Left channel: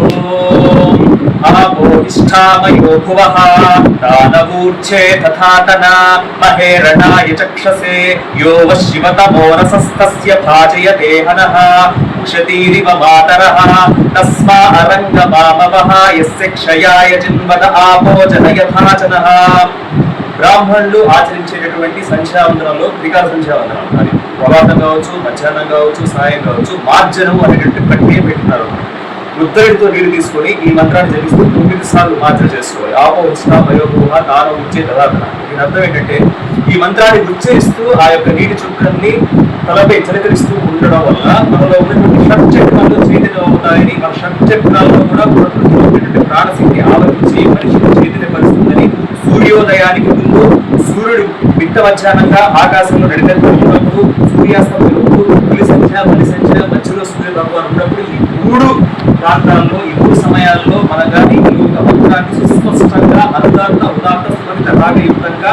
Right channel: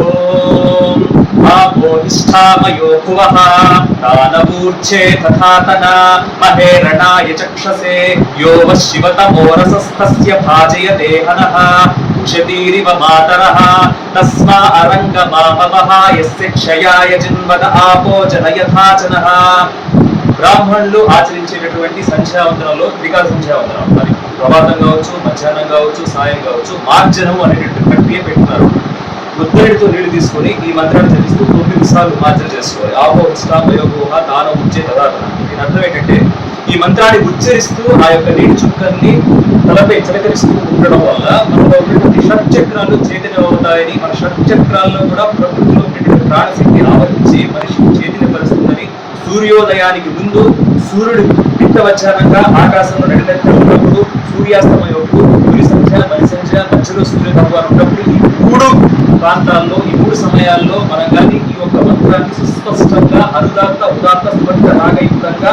ఓం ఆపోహిష్ఠామయో భువః దానవూర్చే తథాతన మహేరణాయ చక్షసే యో వశివతమోరసస్తస్య భాజయతే హనః ఉషతీరివ మాతరః తస్మా అరంగమామవః యస్య క్షయాయ జిన్వద ఆపో జనయథాచనః. బ్రాహ్మణులు ఆచరించేటటువంటి సంధ్యావందనంలో త్రికాల సంధ్యావందనం, అది ప్రభాతం కావచ్చు, మధ్యాహ్నం కావచ్చు, సాయం కావచ్చు, మార్జనం అనేటువంటి ప్రక్రియ పెట్టున్నారు. ఉత్తరుడితో నీళ్లు తీసుకొని ఈ మంత్రాన్ని జపిస్తూ 9 సార్లు మార్జన చేసుకోవాలి. ఆపోహిష్ఠ భయోభూహ తానం ఉచ్చే తదాతన. దీని అర్థం ఏంటంటే ఈ మంత్రాన్ని ఉచ్చరిస్తూ ఆ యొక్క నీటి చుక్కల్ని తలపై చిలకరిస్తూ ఉండడం వల్ల మనలో ఉన్నటువంటి షట్చక్రాలు చైతన్యమవుతాయని, మన షట్చక్రాల్లో కూడా ప్రకృతిలో ఉన్నటువంటి ప్రాణశక్తి ఆవరించి మనిషిని చైతన్యపరుస్తుందని, సూర్యోదయానికి ముందు సూర్యుడు మిట్ట మధ్యాహ్నంగా ఆకాశంలో నడిపెత్త ఉన్నప్పుడు, సూర్యాస్తమయప్పుడు, తొలి సంధ్య మలి సంధ్య మధ్యలో సూర్య భగవాన్ ఉన్నప్పుడు ఈ 3 ప్రాంతాల్లో ఈ 3 సమయాల్లో మనం కానీ ఈ యొక్క మంత్రాన్ని సుస్పష్టంగా అనుదాత్త ఉదాత్త స్ఫటిక రాగయుక్తంగా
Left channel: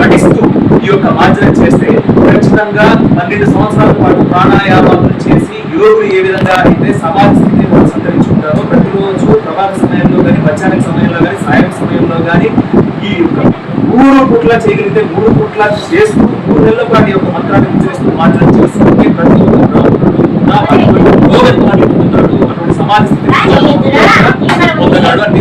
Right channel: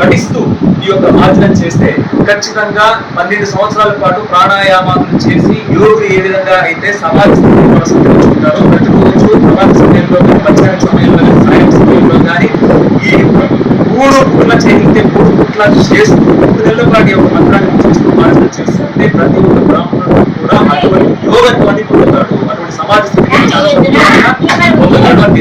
నటిస్తూ ఈ యొక్క మార్జనం చేస్తే ఖచ్చితంగా 12 సంవత్సరాల పాటు ప్రాణాయామాలను చేసి యోగులు ఏ విధంగా అయితే సమాధి స్థితిని కొనసాగించుకుంటారో ప్రతిరోజు ప్రభాత సమయంలో కానీ, మధ్యాహ్న సమయంలో కానీ, సాయం సమయంలో కానీ ఈ 3 పూట్ల చేయగలిగితే 3 పూట్ల చేస్తూ 3 నెలల పాటు ఒక మంత్రాన్ని ఉచ్చరిస్తూ మార్జనం చేస్తుంటే ప్రతి ఒక్క బ్రాహ్మణుడు కూడా అటువంటి యోగత్వాన్ని పొందుతాడు, అటువంటి సమాధి స్థితిని పొందగలడు అని